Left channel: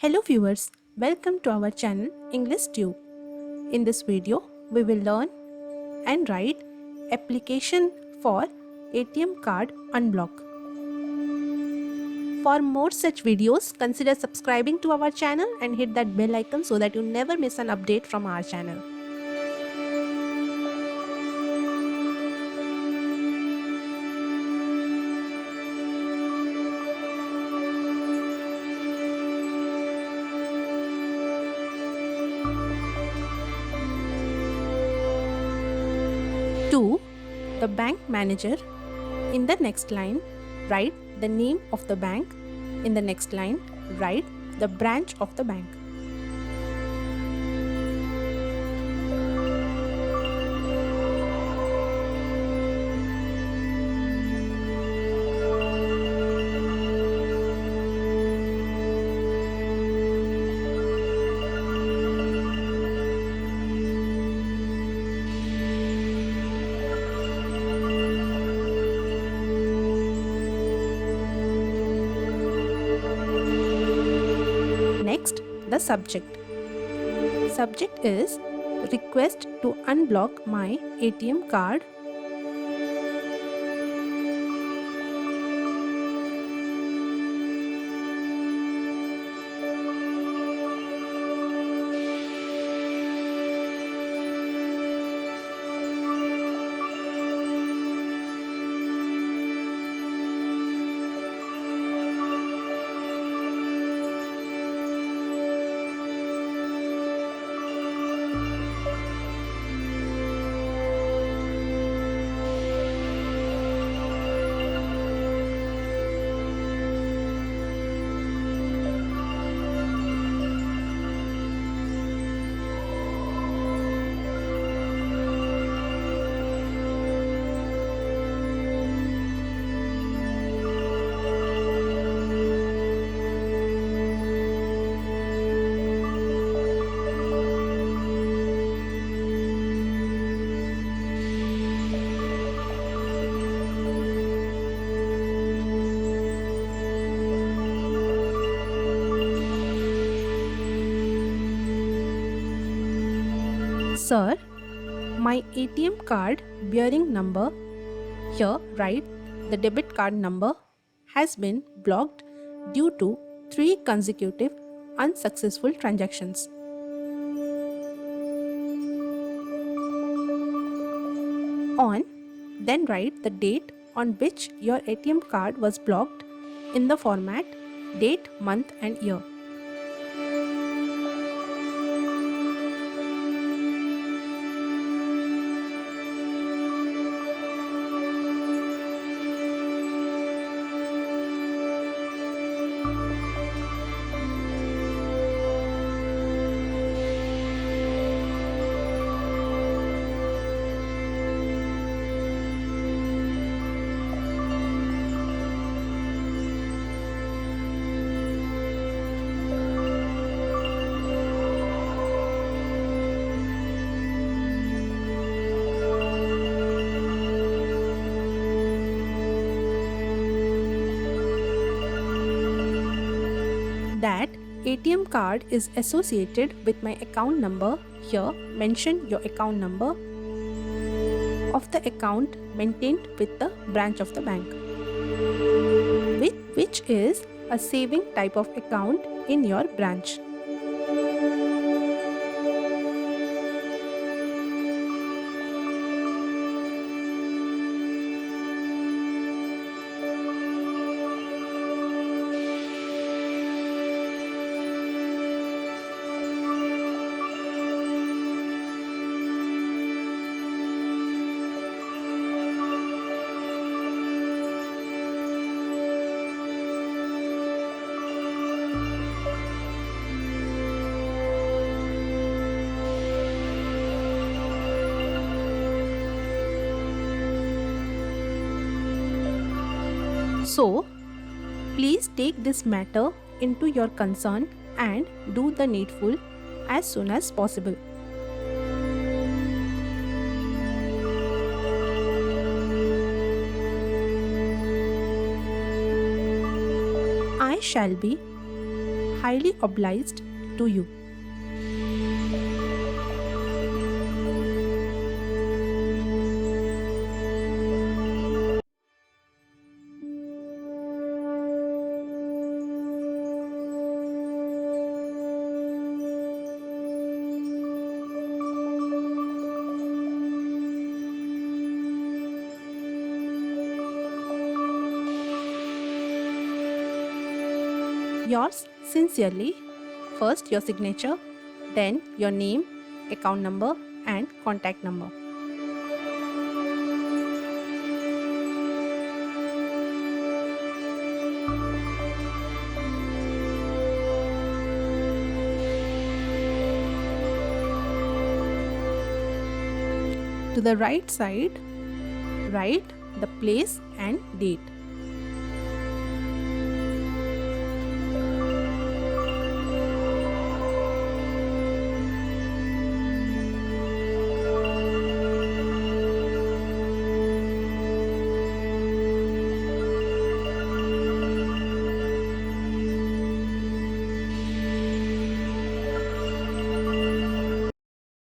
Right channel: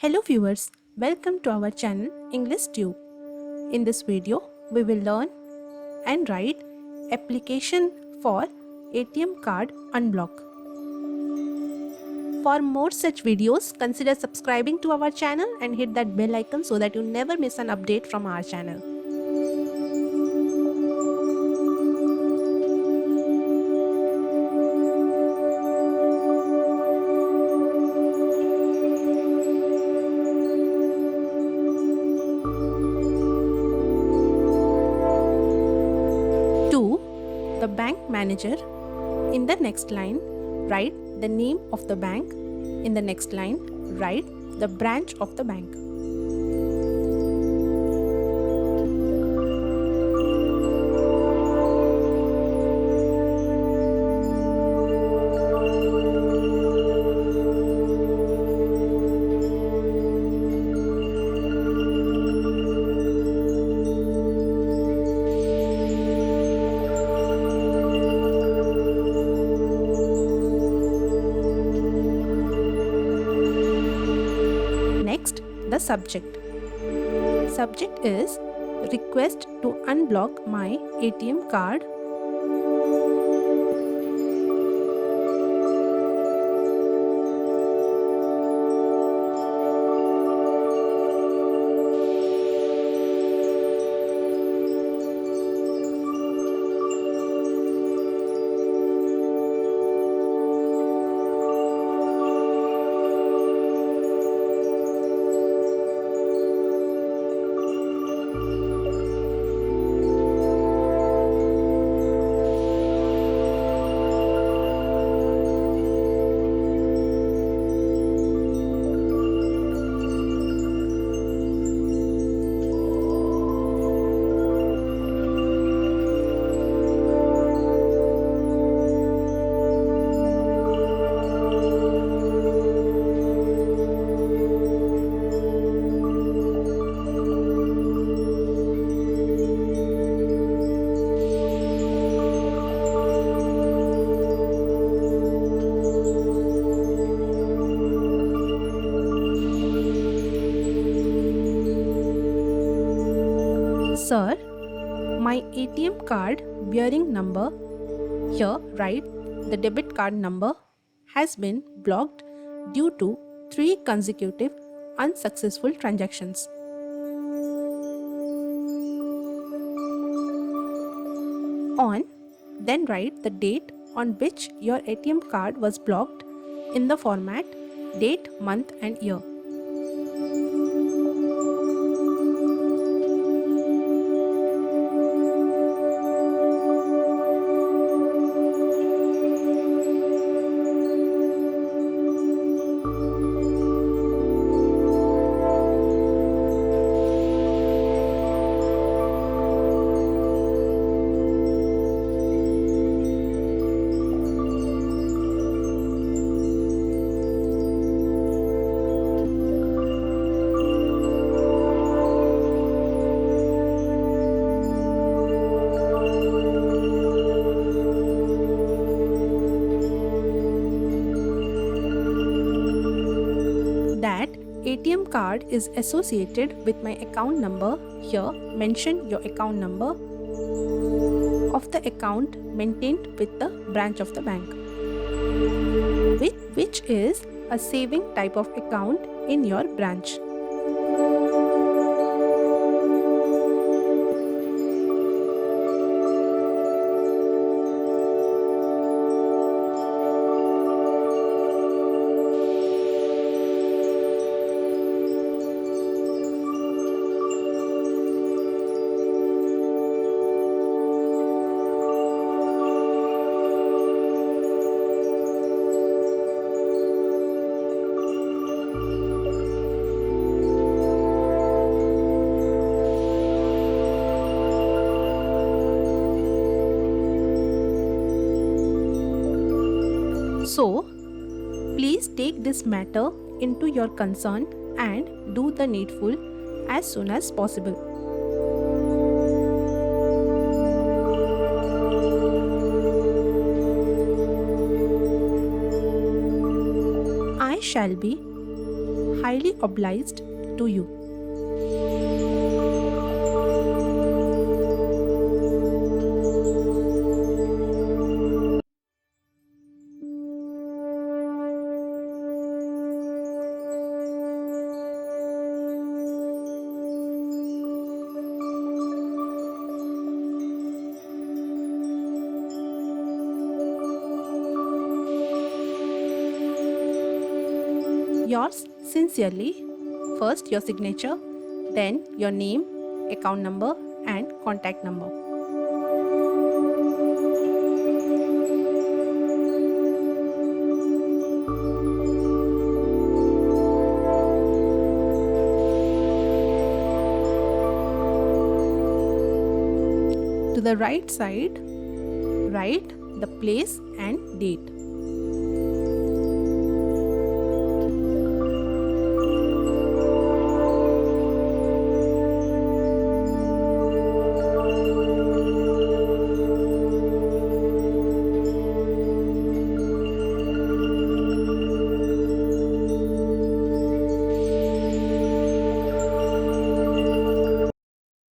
Hello viewers, welcome to our channel English Tube. In this video, we will learn and write application for ATM card unblock. For more such videos, consider subscribing to our channel and hit that bell icon so that you never miss an update from our channel. To the bank manager, in the next line, write the name of the bank. In the next line, write the branch of the bank. Next, the subject. Subject is request to unblock my ATM card. Sir, my ATM card bearing number, here write the debit card number, has been blocked due to 3 consecutive unsuccessful transactions. On, then write the date on which your ATM card was blocked in the format date, month and year. That ATM card is associated with my account number. Here mention your account number of the account maintained with the branch of the bank, which is a saving type of account in your branch. So, please take this matter into your concern and do the needful as soon as possible. I shall be highly obliged to you. Yours sincerely, first your signature, then your name, account number and contact number. To the right side, write the place and date.